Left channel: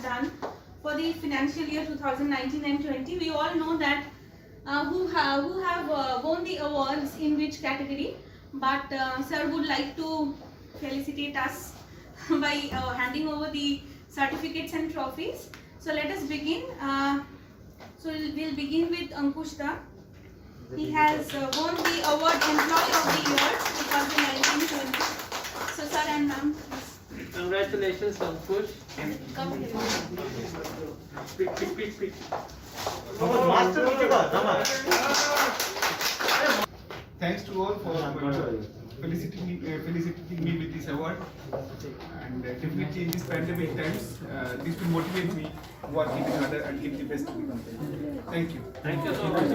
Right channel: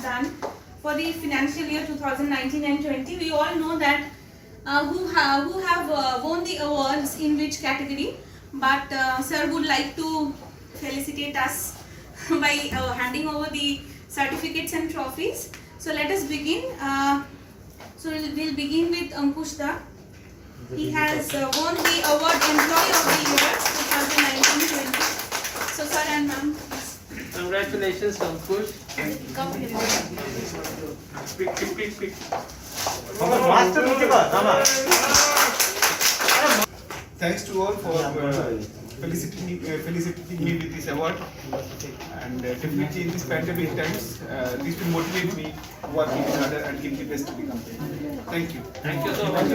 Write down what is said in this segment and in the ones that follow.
have done for the financial year 2019 and 20. We all know that who have won the awards in which category, but sir would like to felicitate us by handing over the certificates and trophies. So let us begin. So we'll begin with Ankush Da. He has won the award Employee of the Year 2019-20. So sir and ma'am, Congratulations, Ankush. come here. Quick. Thanks to all for felicitating me with this award, and definitely in these pandemic times, this will motivate me to work even harder and give the best to the company. Thank you. Thank you so much.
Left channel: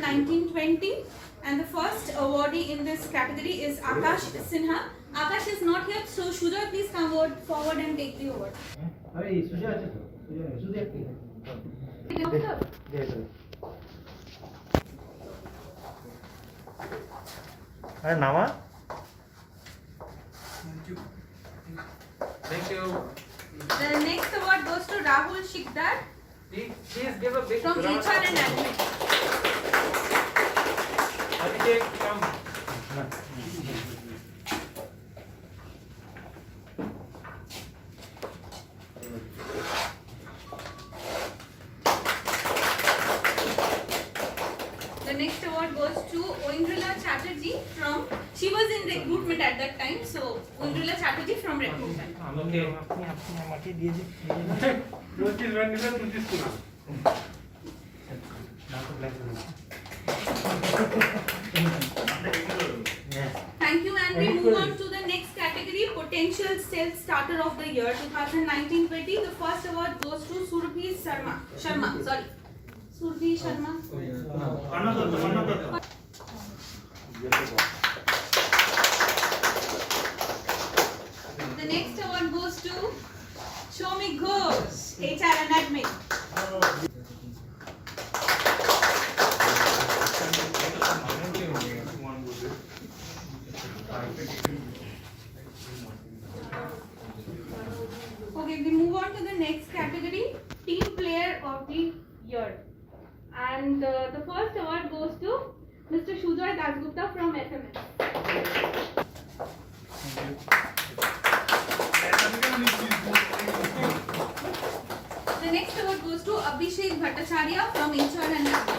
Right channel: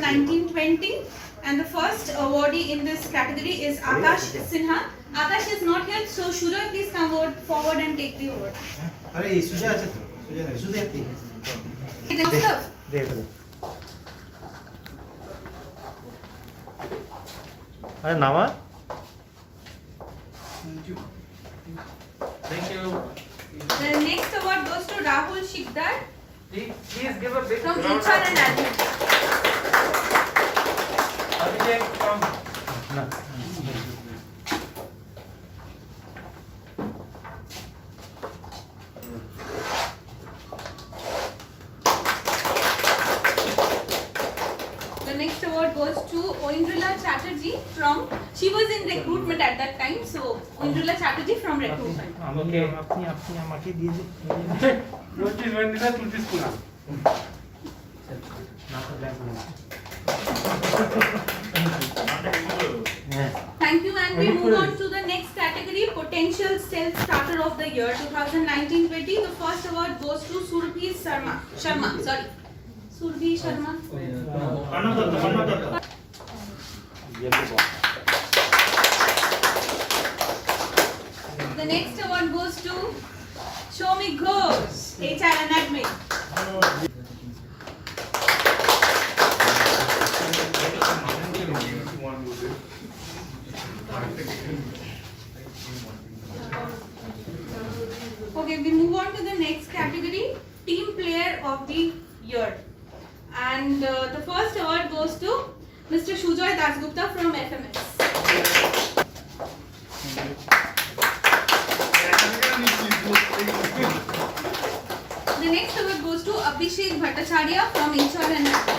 1920, and the first awardee in this category is Akash Sinha. Akash is not here, so Shujoy, please come forward and take the award. अरे सुजा আছে তো সুজা নাই সুজা আছে দেখ আরে নামা Thank you. The next award goes to Rahul Shikdar Please give a big from round HR of and Admin. Abhishek from না The next award goes to Oindrila Chatterjee from, she was in recruitment at that time, so Oindrila Chatterjee from recruitment. আমাকে আপনি আমাকে দিয়ে দিন Notice one is a Tulsi school. না তো bank Thank you, and we move on to the next category, Potential Self-Starter of the Year 2019-20. The first award goes to Surbhi Sharma. Surbhi Sharma. The next award goes to Shomi Ghosh, HR and Admin. Okay, we move on to the next category, Team Player of the Year. And the first award goes to Mr. Shujoy Dasgupta from FMS. The next award goes to Abhishek Bhattacharya from HR and Admin.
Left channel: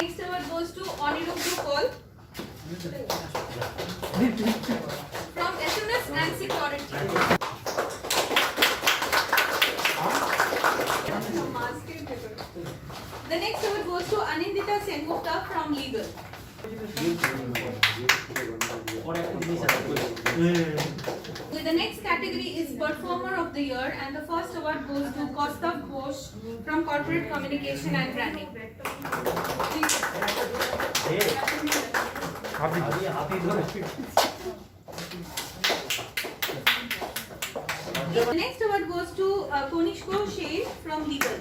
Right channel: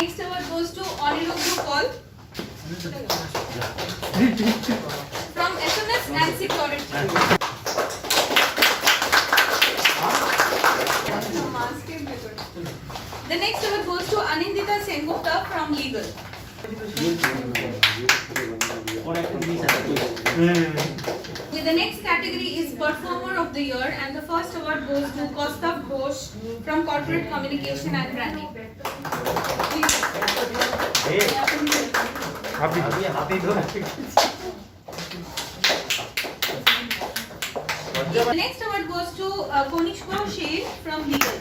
Next award goes to Anirudh Paul from SMS and Security. The next award goes to Anindita Sengupta from Legal. The next category is Performer of the Year, and the first award goes to Kaustav Ghosh from Corporate Communication and Branding. আপনি হাতে ধরে The next award goes to Konishko Shea from Legal.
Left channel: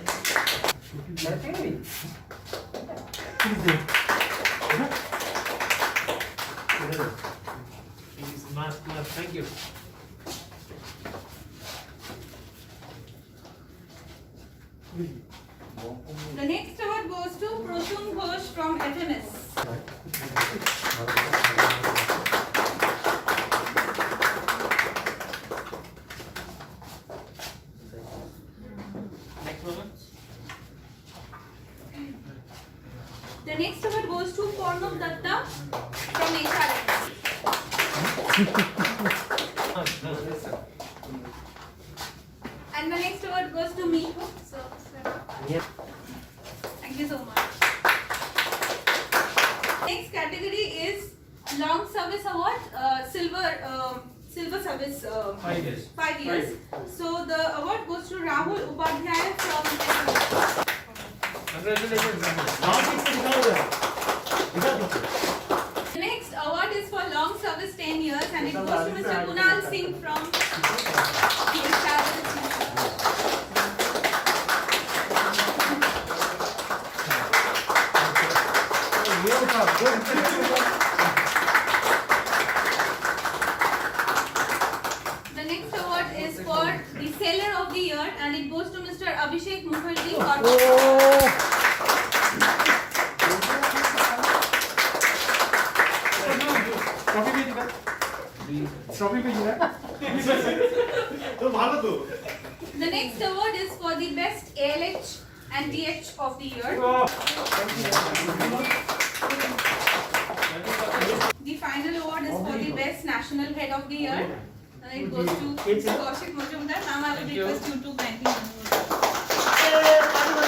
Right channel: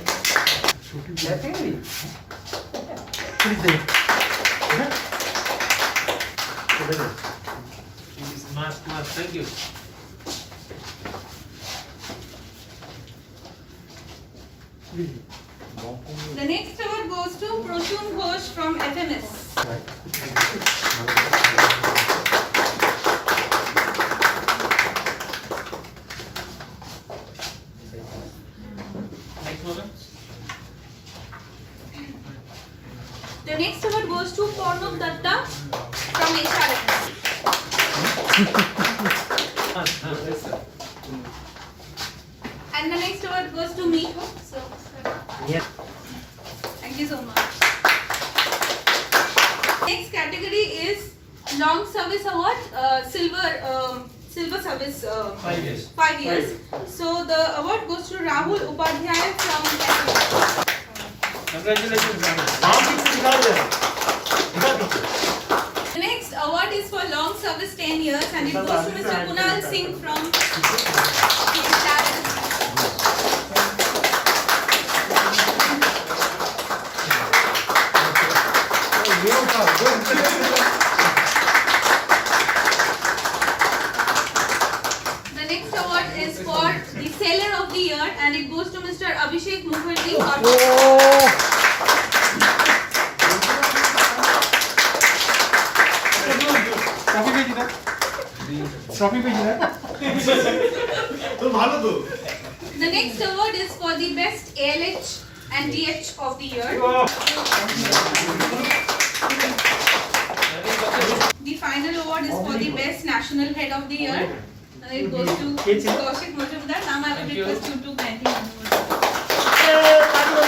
Mask. Thank you. The next award goes to Proshun Ghosh from FMS. Next one. The next award goes to Pornov Datta from HRS. And the next award goes to me. So, thank you so much. Next category is Long Service Award, Silver Service. 5 years. 5 years. So the award goes to Rahul Upadhyaya from FMS. Congratulations, Rahul. The next award is for long service 10 years, and it goes to Mr. Kunal Singh from and it goes to Mr. Abhishek Mukherjee. Trophy भेज दो trophy भेज दो तो ভালো তো The next award is for the best ALH and DH of the year. The final award is for the best national head of the year. And it goes to Kaushik Majumdar. Now I will request you to grant him an award.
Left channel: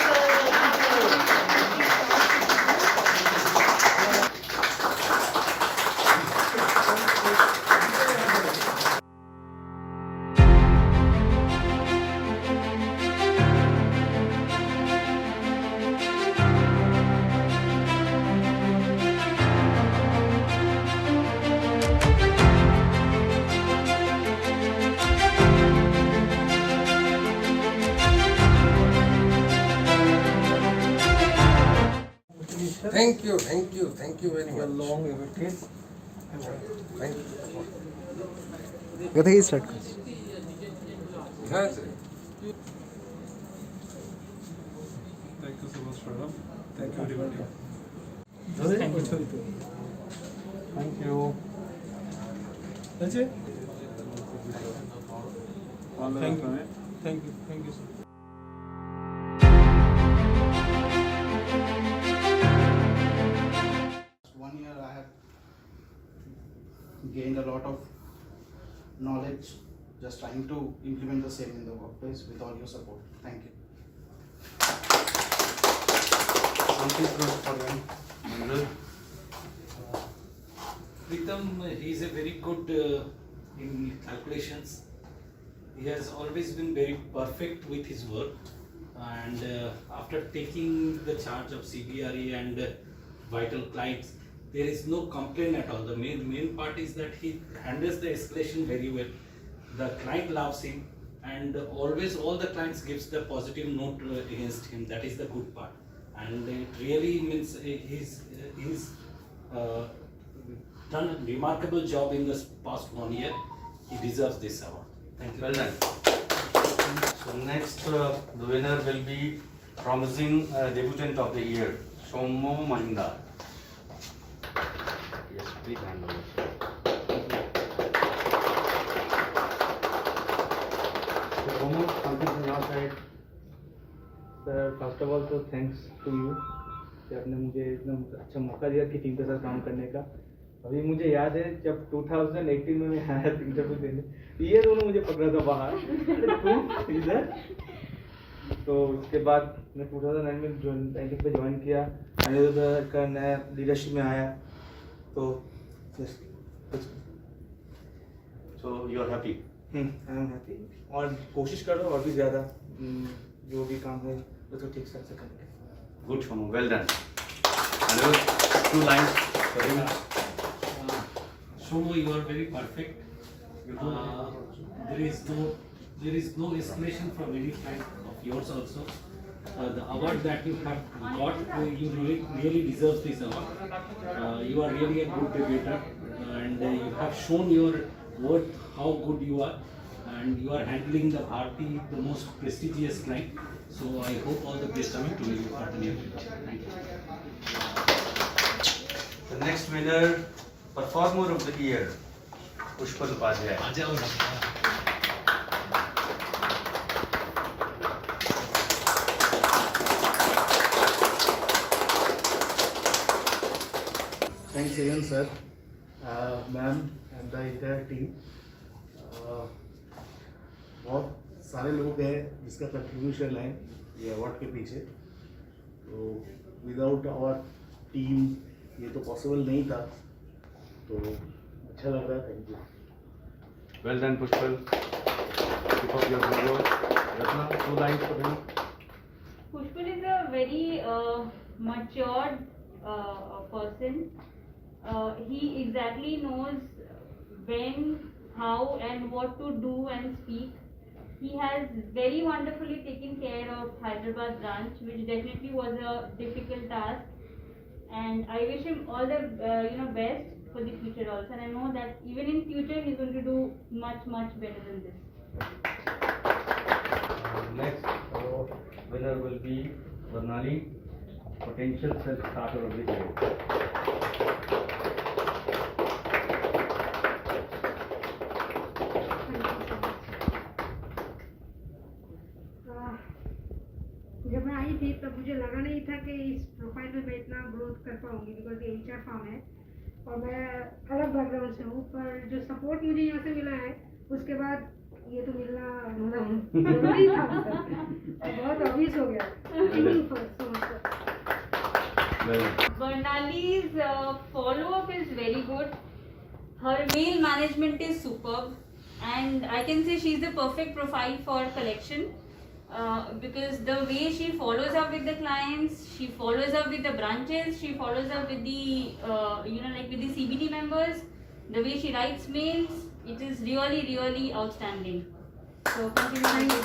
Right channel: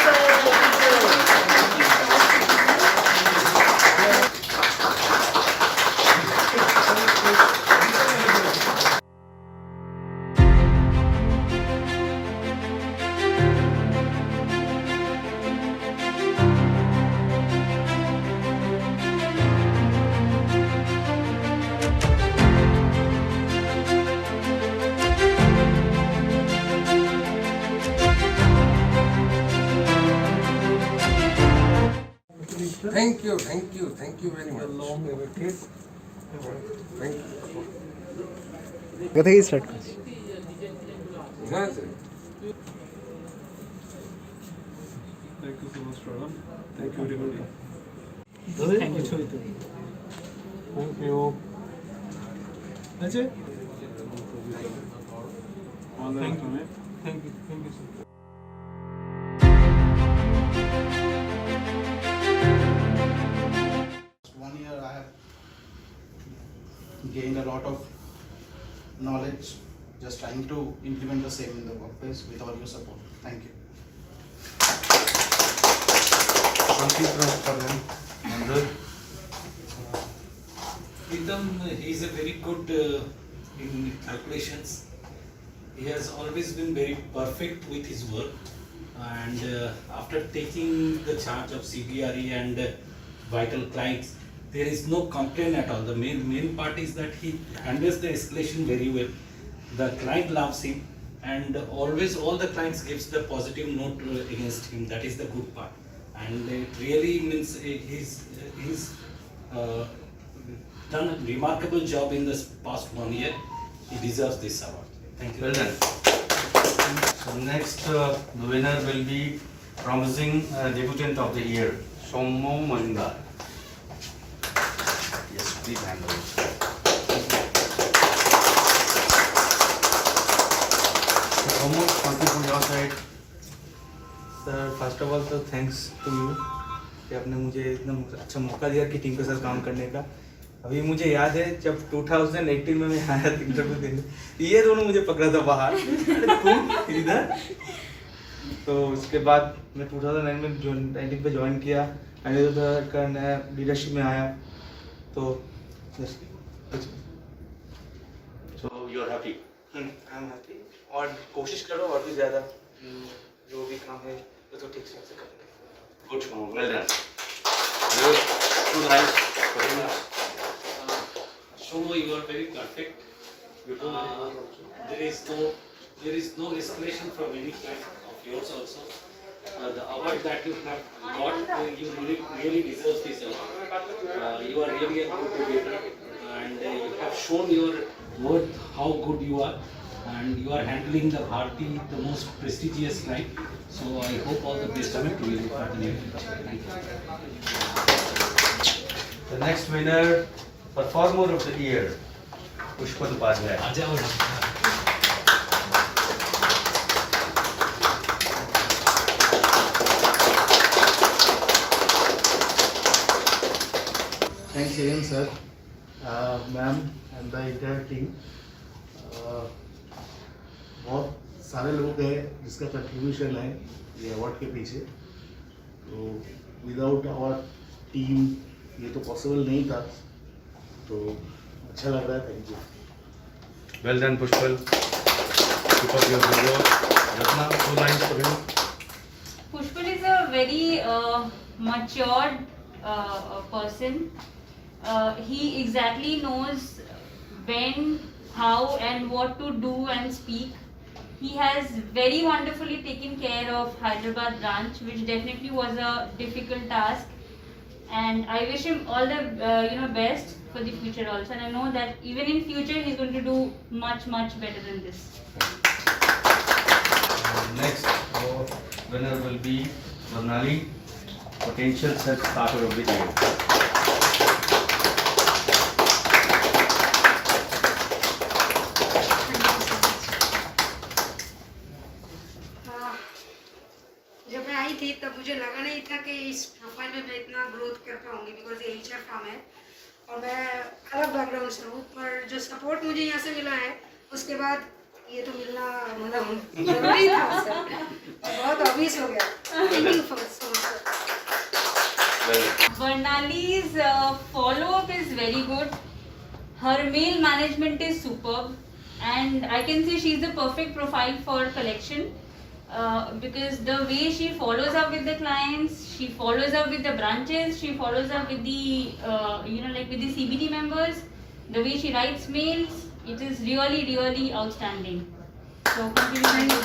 Thank you very much. Thank you. কোথা থেকে start করছি? হ্যাঁ sir. Thank you so much, Pranam. Thank you, everybody. Thank you. Thank you. That's it? Thank you. Thank you. Thank you, sir. One year I have gained a lot of knowledge, just trying to implement the same in the workplace with all your support. Thank you. Pritam, he is a very good in calculations. He has always been very perfect with his work, and after taking the charge of CBRE and vital clients, there is no complaint at all. The main part is that he handles the escalation very well. The client loves him, and always all the clients gives the positive note against him. That is the good part, and it really means he's done a remarkable job in this past 1 year. He deserves this award. Thank you. Well done. So next, the winner will be promising debutant of the year, Sommo Majumdar. Yes, please handle it. So Sommo, something from your side. Sir first of all तो thanks to you कि आपने मुझे इतना अच्छा मौका दिया कि team के साथ काम करने का। अभी मुझे याद है जब 2018 में मैं आया था इंटरव्यू देने, ये दोनों मुझे पकड़ा था बाहर, अरे तुम इधर। तो उसके बाद मैं 2019 पे ज्वाइन किया, मैनेजर का नया लीडरशिप में आया, तो So you are happy. I am happy और कोशिश कर रहा हूँ और भी ज़्यादा जो भी काम है वो तो ठीक से करेंगे। Good, Sommo. Well done. Another 2 lines for him. Shomo, you are very perfect. There is no escalation from any client of yours also. The award that you have got, you really deserve this award. You are really a good debater, and you have shown your worth, how good you are, and you are handling the Bharti, the most prestigious client. So I hope all the best of it to you for the near future. Thank you. The next winner, performer of the year, Pushpal Upadhyay. Thanks again, sir, ma'am, and the entire team. बहुत सारे लोग हैं जिसका contribution है ये award के पीछे, तो विदाउट आवर टीम ये तो पॉसिबल नहीं था, तो अच्छा लग रहा है। Thank you. Well done, Pushpal. Keep up your good work. Ratna, 2 lines for him. Pushpal is a very matured person. He exactly knows when, how, and what to do and speak. He has very wonderfully taken care of Hyderabad branch, which definitely was a difficult task. And I wish him all the best for the future also. And I know that even in future he's going to do much better than this. Next winner will be Varnali, potential self-starter of the year. जब मैं आई थी तब मुझे लगा नहीं था कि इस प्रोफाइल में मैं इतना ग्रोथ कर पाऊंगी, बिकॉज ये HR फार्म है और मैं अलग बैकग्राउंड से हूँ, पर जो सपोर्ट मुझे यहाँ से मिला है उसके बाद ये तो मिलना मतलब जरूरी था सर, बहुत ऑब्वियस हो गया। Thank you for so much sir. Varnali's follow-up is very good. Her mail management is superb, and I can say she's the perfect profile for collection because the way she follows up with the clients, she follows up with the branches, she follows up with the like with the CBD members. The way she writes mails, it is really outstanding. So continue.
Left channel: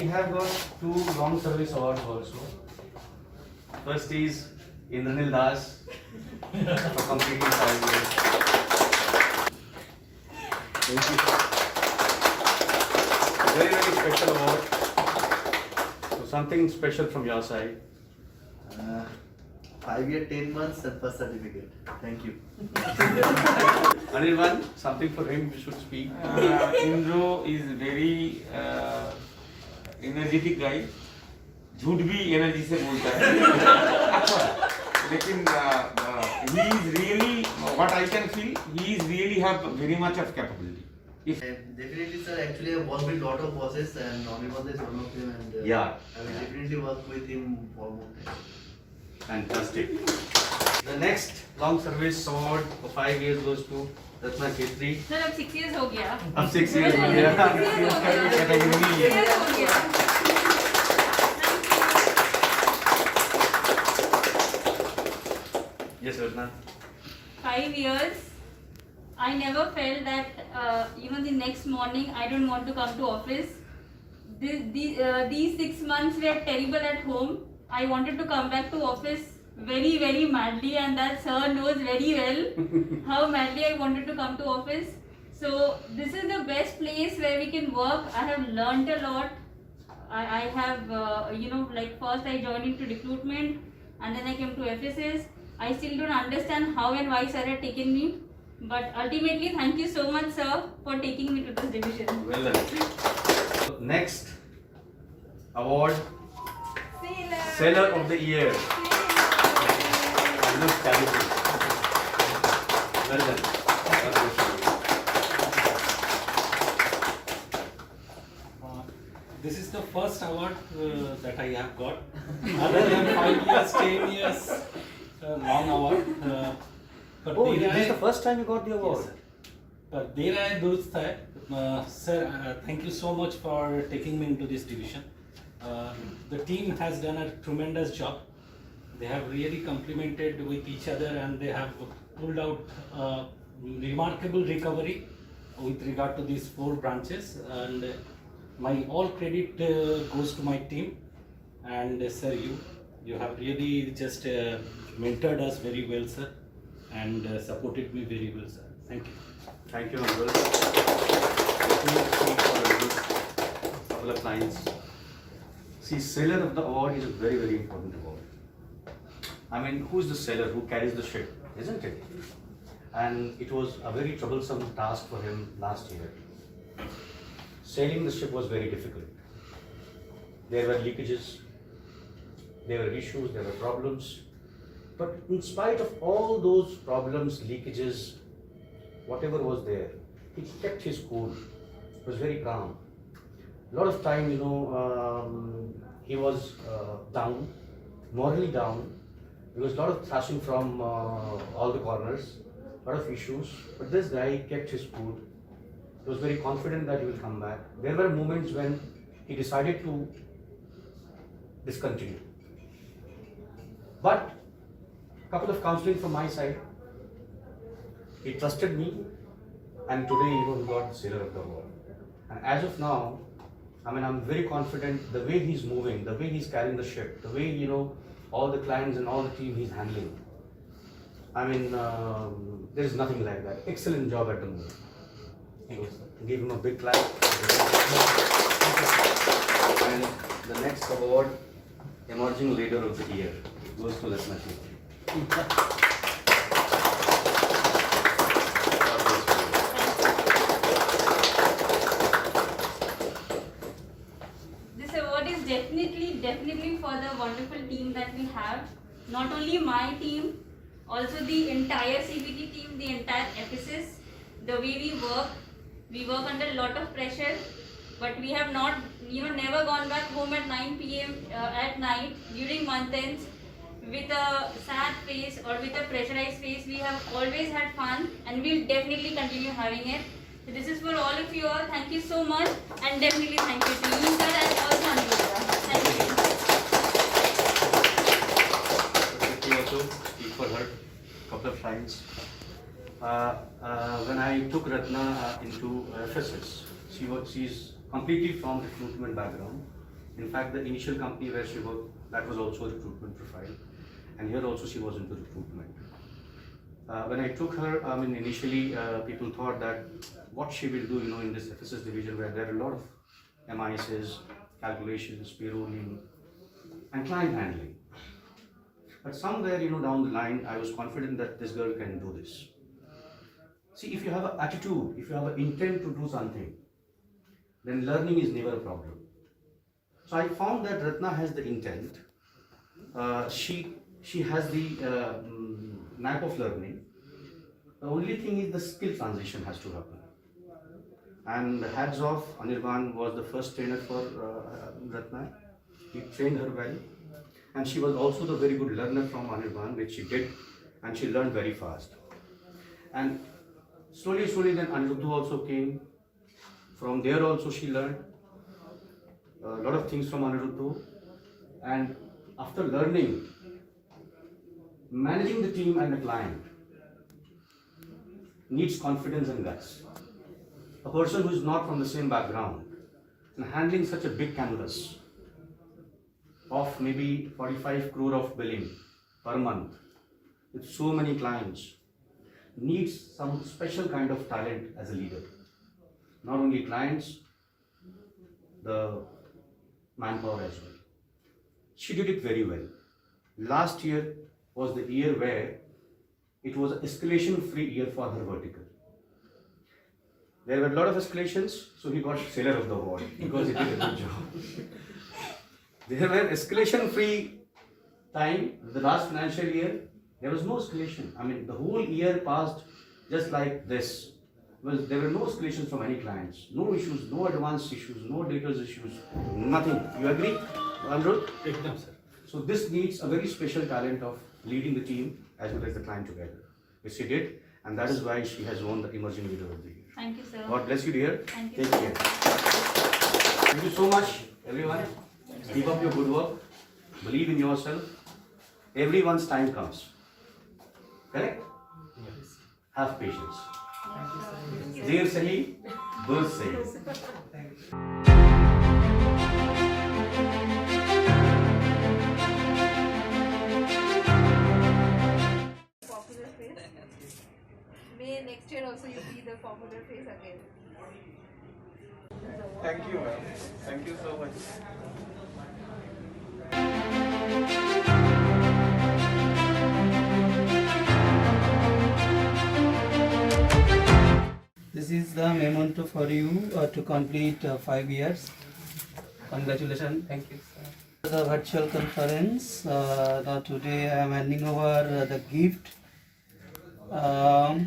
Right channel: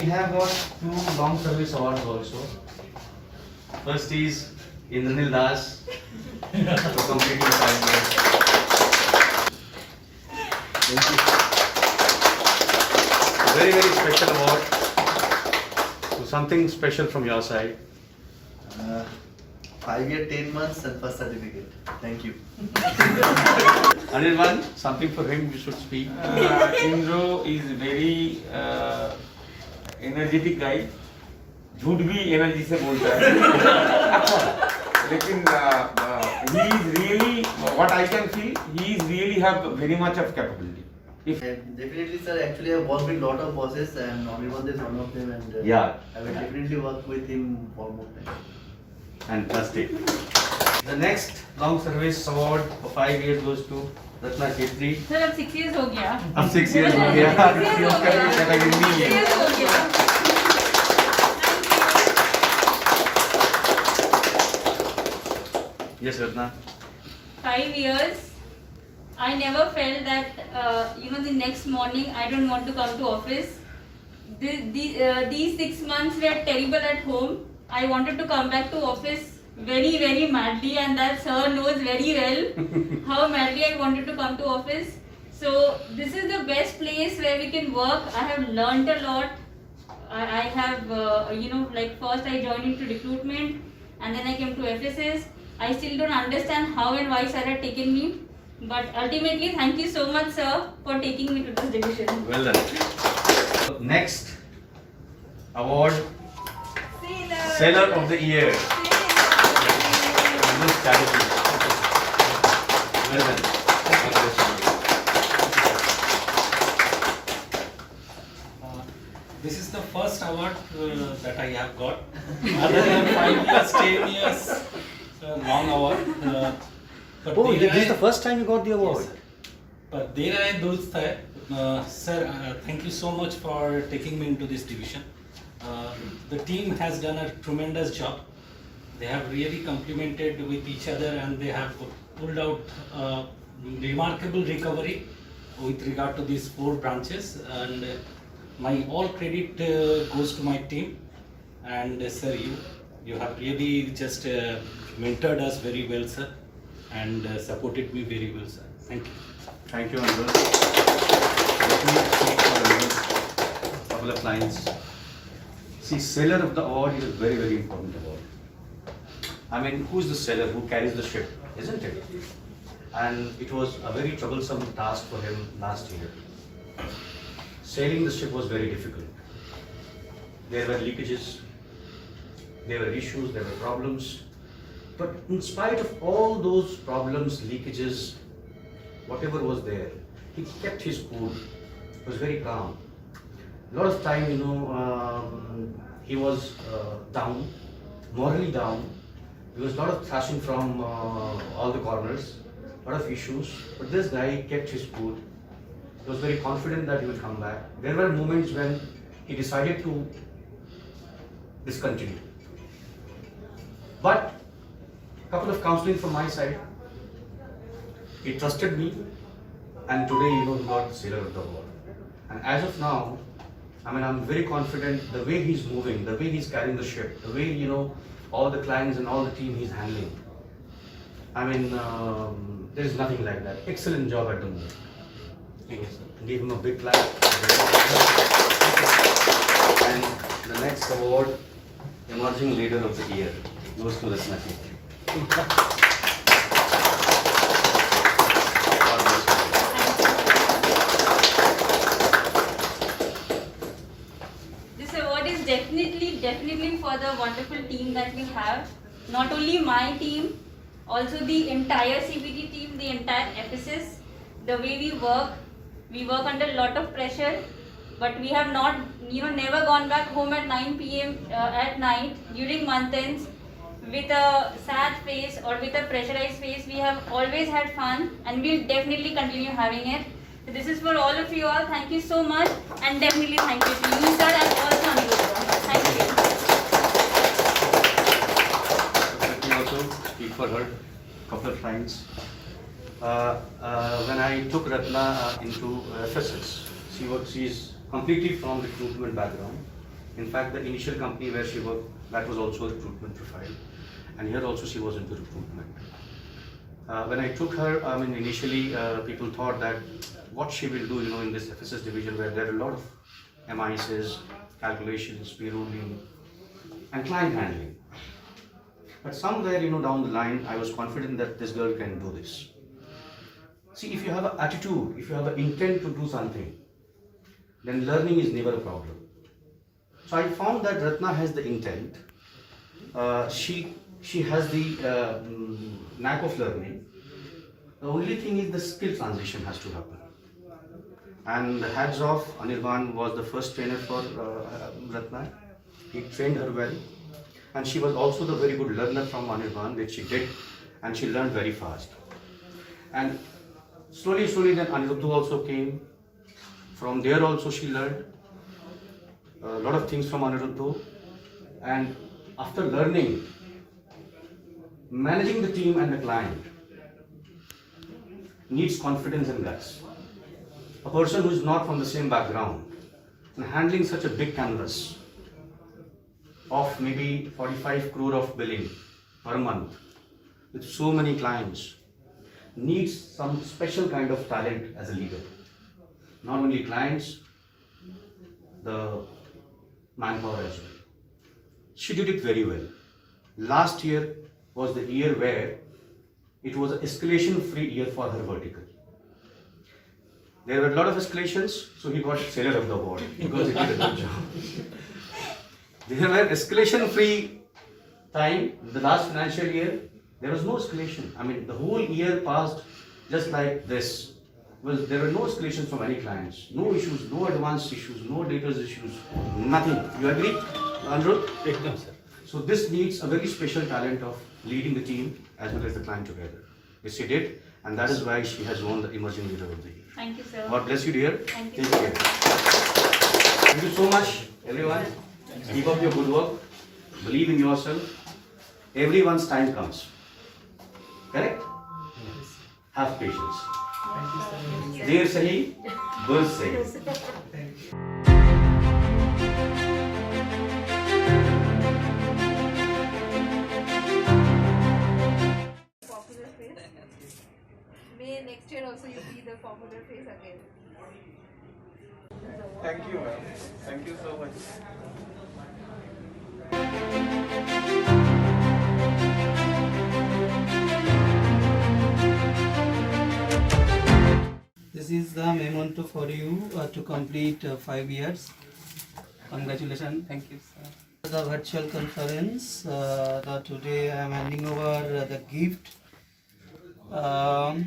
We have got 2 long service awards also. First is Indranil Das for completing 5 years. Thank you. Very special award. So something special from your side. 5 years, 10 months and first certificate. Thank you. Anirban, something for him you should speak. Indro is very energetic guy. झूठ भी energy से बोलता है लेकिन he is really what I can feel, he is really have very much of capability. If Definitely, sir. Actually, I've worked with lot of bosses, and Omnibus is one of them, and Yeah. I will definitely work with him for more time. Fantastic. The next long service award for 5 years goes to Ratna Khetri. Sir, अब 6 years हो गया. अब 6 years हो गया. 6 years हो गया. category नहीं 6 है. years हो गया. Yes, Ratna. 5 years. I never felt that the next morning I don't want to come to office. These 6 months were terrible at home. I wanted to come back to office very madly, and that sir knows very well how madly I wanted to come to office. So this is the best place where we can work. I have learnt a lot. I have like first I joined into recruitment and then I came to FSS. I still don't understand how and why sir had taken me, but ultimately thank you so much sir for taking me to this division. Well done. Next award, Seller of the Year. Agnes Chatterjee. Well done. This is the first award that I have got. Other than 5 years, 10 years, long award. But This is the first time you got the award. Yes, sir. But there I durst hai. Sir, thank you so much for taking me into this division. The team has done a tremendous job. They have really complemented with each other, and they have pulled out remarkable recovery with regard to these 4 branches. And my all credit goes to my team. And sir, you have really just mentored us very well, sir, and supported me very well, sir. Thank you. Thank you, Anil. Let me speak for a couple of lines. See, seller of the award is a very important award. I mean, who is the seller who carries the ship, isn't it? And it was a very troublesome task for him last year. Sailing the ship was very difficult. There were leakages, there were issues, there were problems. But in spite of all those problems, leakages, whatever was there, he kept his cool. He was very calm. A lot of time, he was down, morally down. There was a lot of thrashing from all the corners, a lot of issues. But this guy kept his cool. He was very confident that he would come back. There were moments when he decided to discontinue. But a couple of counseling from my side, he trusted me, and today he got the Sailor of the Award. And as of now, I'm very confident the way he's moving, the way he's carrying the ship, the way all the clients and all the team he's handling. There is nothing like that. Excellent job at the moment. Give him a big clap. And the next award, Emerging Leader of the Year, goes to Ratna ji. This award is definitely for the wonderful team that we have. Not only my team, also the entire CBT team, the entire FSS. The way we work under a lot of pressure, but we have not, never gone back home at 9 p.m. At night during month ends with a sad face or with a pressurized face. We have always had fun, and we'll definitely continue having it. So this is for all of you all. Thank you so much, and definitely thank you to you, sir, and also Aniruddha. Thank you. Let me also speak for her a couple of times. When I took Ratna into FSS, she is completely from recruitment background. In fact, the initial company where she worked, that was also a recruitment profile, and here also she was into recruitment. When I took her, initially people thought that what she will do, in this FSS division where there are a lot of MISs, calculations, payrolling, and client handling. But somewhere, down the line, I was confident that this girl can do this. See, if you have an attitude, if you have an intent to do something, then learning is never a problem. So I found that Ratna has the intent. She has the knack of learning. The only thing is the skill transition has to happen. And hats off, Anirban was the first trainer for Ratna. He trained her well. And she was also the very good learner from Anirban, which she did, and she learned very fast. And slowly then Aniruddha also came. From there also she learned a lot of things from Aniruddha. And after learning, managing the team and the client needs confidence and guts. A person who is not from the same background and handling such a big canvas of maybe 45 crore of billing per month with so many clients needs some special kind of talent as a leader. Not only clients, the manpower as well. She did it very well. Last year was the year where it was an escalation-free year for her vertical. There were a lot of escalations, so he got Sailor of the Award because he did a good job. There were escalation-free time, the last financial year, there was no escalation. The whole year passed just like this. Well, there were no escalations from any clients, no issues, no advanced issues, no data issues, nothing. You agree, Aniruddha? Yes, sir. So this needs a very special talent of leading the team as well as the client together, which she did, and that is why she has won the Emerging Leader of the Year. Thank you, sir. God bless you, dear. Thank you. Take care. Thank you so much, everyone. Keep up your good work. Believe in yourself. Everyone's time comes. Correct? Yes. Have patience. Thank you, sir. Dear Sahi, Burj Sahi. Popular face. May next year also you be the popular face again. Thank you, ma'am. Thank you so much. This is the memento for you to complete 5 years. Congratulations. Thank you, sir. The virtual conference. Today I am handing over the gift,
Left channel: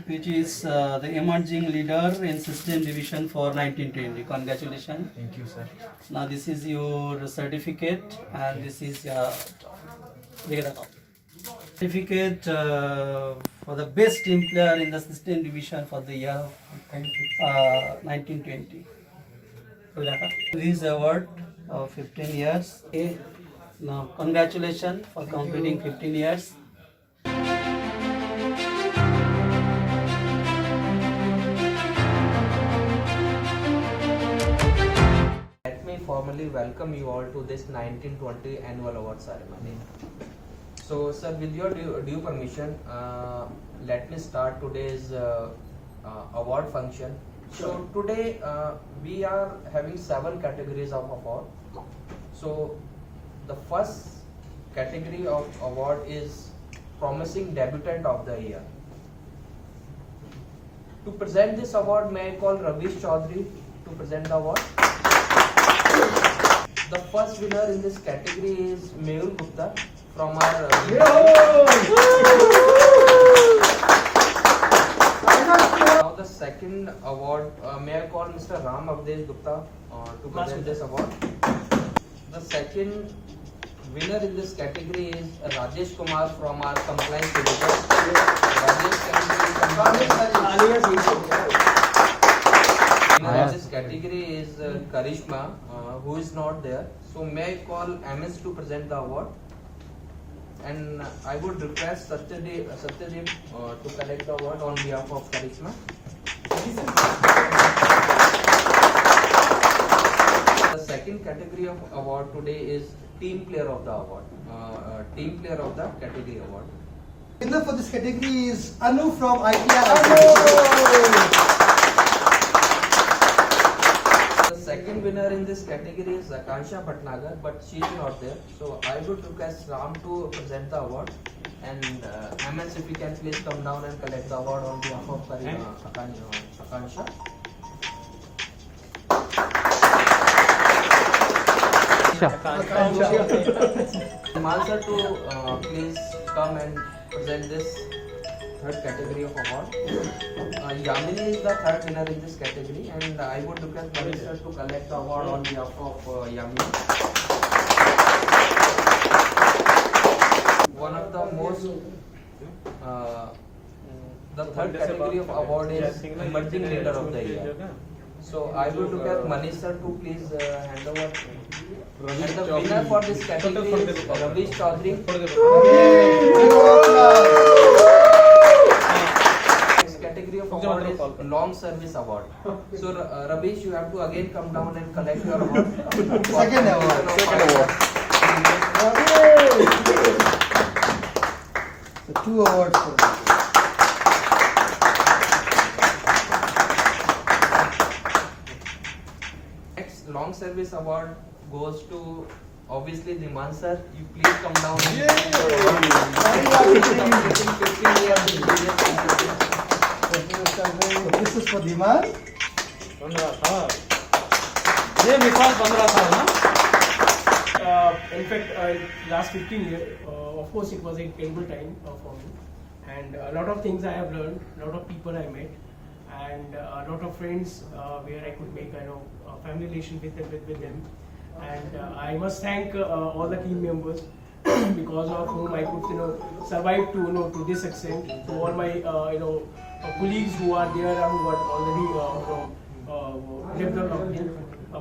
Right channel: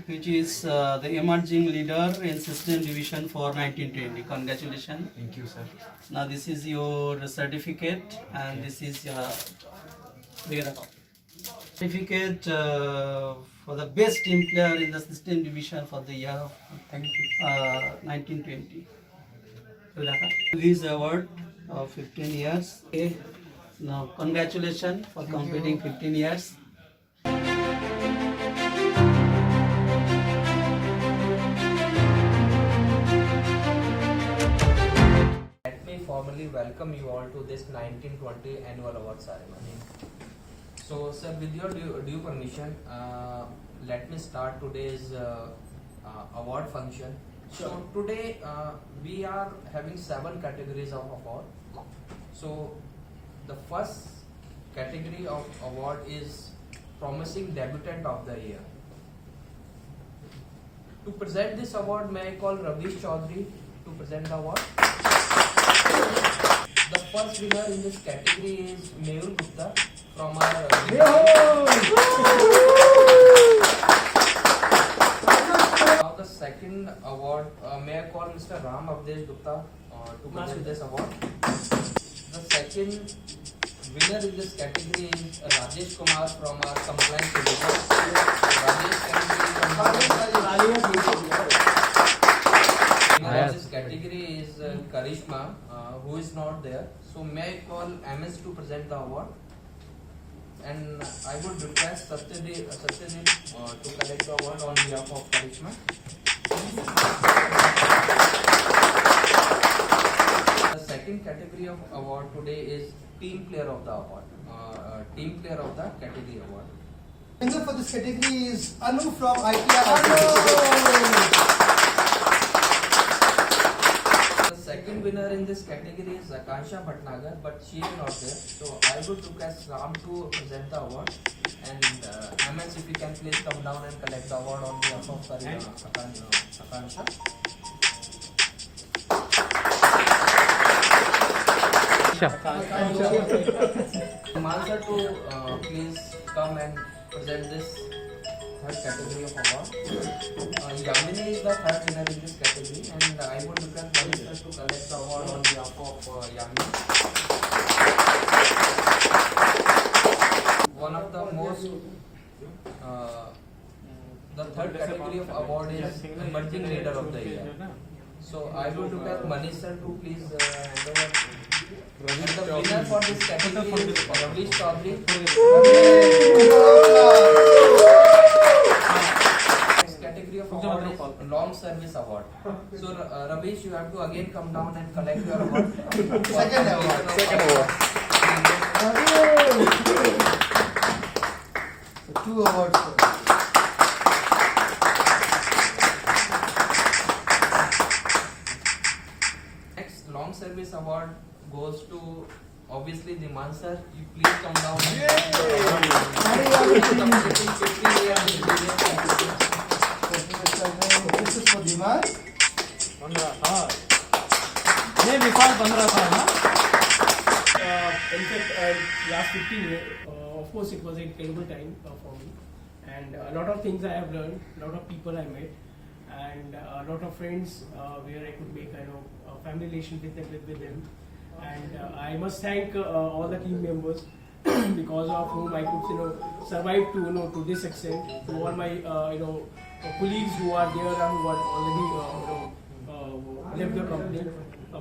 which is the Emerging Leader in System Division for 1920. Congratulations. Thank you, sir. Now this is your certificate, and this is your certificate for the best team player in the System Division for the year 1920. His award of 15 years. Okay. Now congratulations for completing 15 years. Let me formally welcome you all to this 1920 annual award ceremony. So, sir, with your due permission, let me start today's award function. So today we are having 7 categories of award. So the first category of award is Promising Debutant of the Year. To present this award, may I call Ravish Chaudhary to present the award. The first winner in this category is Mehul Gupta from our Now the second award, may I call Mr. Ram Avdesh Gupta to present this award. The second winner in this category is Rajesh Kumar from our compliance division. Rajesh, can you winner of this category is Karishma, who is not there. So may I call MS to present the award, and I would request Satyajit to collect the award on behalf of Karishma. The second category of award today is Team Player of the Award. Team Player of the Category Award. Winner for this category is Anu from ITI. The second winner in this category is Akansha Bhatnagar, but she is not there. So I would request Ram to present the award, and MS, if you can please come down and collect the award on behalf of Akansha. Himal sir to please come and present this third category of award. Yamini is the third winner in this category, and I would request Manish sir to collect the award on behalf of Yamini. One of the most the third category of award is Emerging Leader of the Year. So I would request Manish sir to please hand over. And the winner for this category is Ravish Chaudhary. This category of award is Long Service Award. So Ravish, you have to again come down and collect your award. Second award. So 2 awards for this. Next Long Service Award goes to obviously Dhiman sir. You please come down. This is for Dhiman. 15 साल ये नेपाल 15 साल ना In fact, last 15 years, of course, it was an incredible time for me, and a lot of things I have learned, a lot of people I met, and a lot of friends where I could make a family relation with them. And I must thank all the team members because of whom I could survive to this extent. To all my colleagues who are there and who are already left the company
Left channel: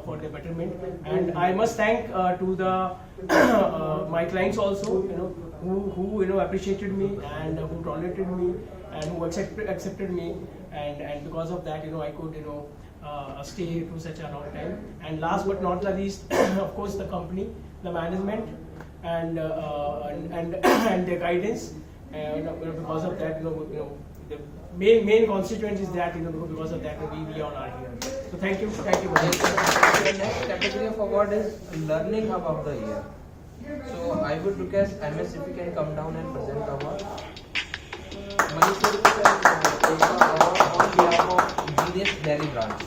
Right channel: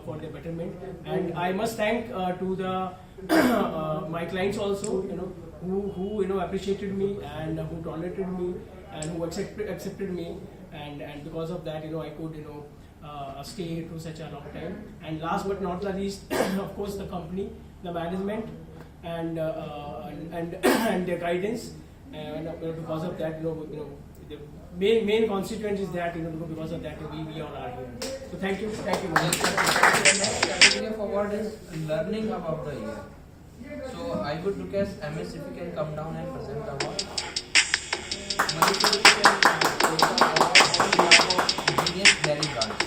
for the betterment. And I must thank to the my clients also, who appreciated me and who tolerated me and who accepted me, and because of that I could stay to such a long time. And last but not the least, of course, the company, the management, and their guidance. And because of that, the main constituent is that because of that we all are here. So thank you very much. The next category of award is Learning Hub of the Year. So I would request MS if you can come down and present the award. Manish, if you can take the award on behalf of Genius Delhi branch.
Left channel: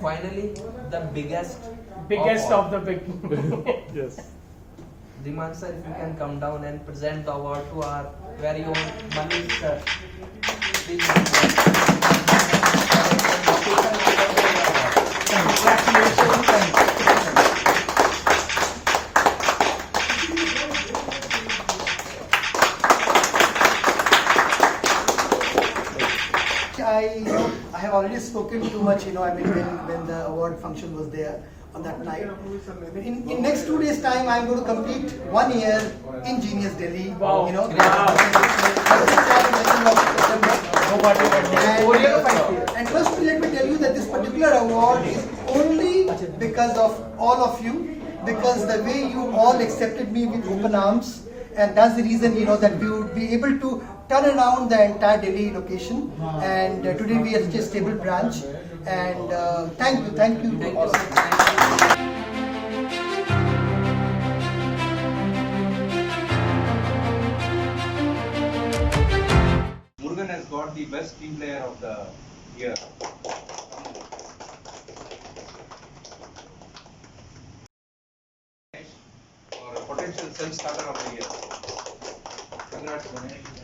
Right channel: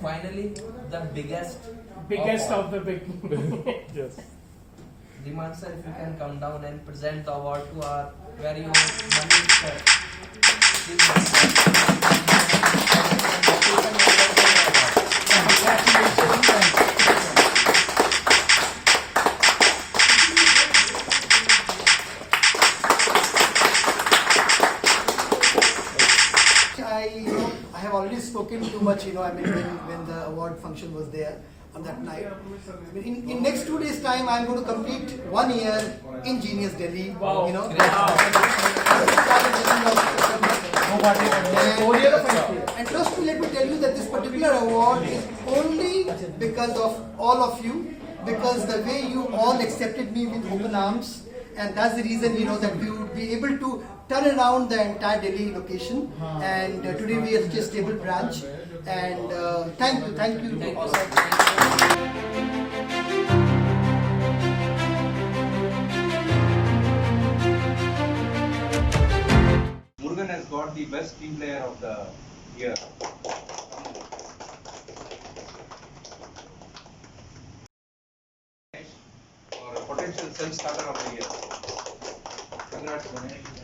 Finally, the biggest of the big. yes. Dhiman sir, if you can come down and present the award to our very own Manish sir. I have already spoken too much, when the award function was there on that night. In next 2 days' time, I am going to complete 1 year in Genius Delhi. Wow. And trust me, let me tell you that this particular award is only because of all of you, because the way you all accepted me with open arms, and that's the reason that we will be able to turn around the entire Delhi location. And today we are such a stable branch. And thank you to all. Murugan has got the best team player of the year. Or a potential self-starter of the year. Congrats, Ganesh.